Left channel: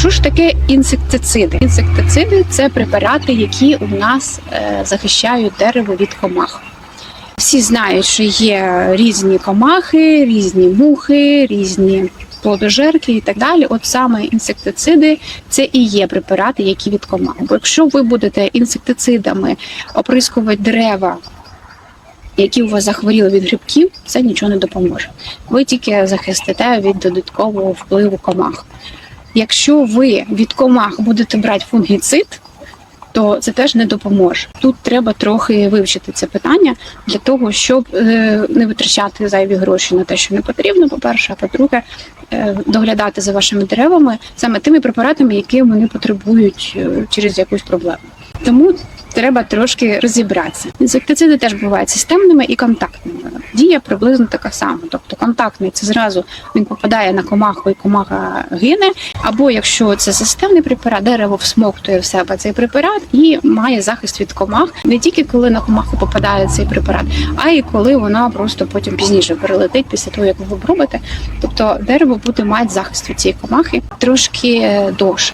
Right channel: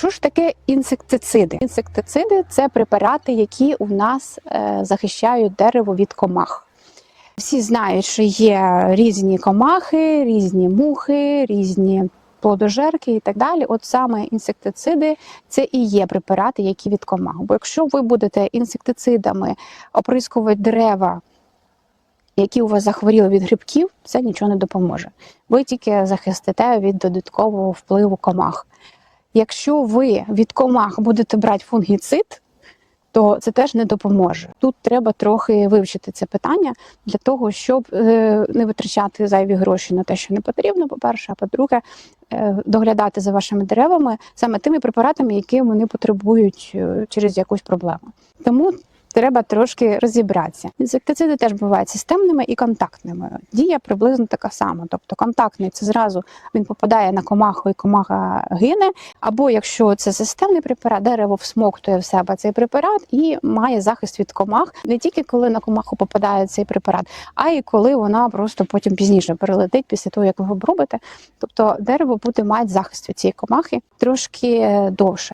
Що ж таке інсектициди? Інсектициди це препарати, які у нас е, захищають дерево від комах. Всі знають, що є різні комахи, різні мухи, різні плодожерки і так далі. От саме інсектициди це і є препарати, які від комах. Бо якщо ви будете інсектицидами оприскувати дерева, які у вас захворіли від грибків, це нічого не допоможе. Ви тільки захистите від додаткового впливу комах. Якщо ви від комах будете брати фунгіцид, то це теж не допоможе. Тут треба трохи вивчити це питання для того, щоб е, не витрачати зайві гроші на те, що не потрібно. По-перше, а по-друге, е, доглядати за вашими деревами саме тими препаратами, які вони потребують е, через якусь проблему. Тому треба трошки розібратися. Інсектициди теж бувають системними і контактними. Дія приблизно така сама. Тобто контактний це зразу він попадає на комаху і комаха гине. Або якщо це системний препарат, дерево всмоктує в себе цей препарат і має захист від комах не тільки коли на комаху попадає цей препарат, а й коли вона просто потім пізніше перелетить після того, як ви обробите. Тобто дерево буде мати захист від цієї комахи трошки довше.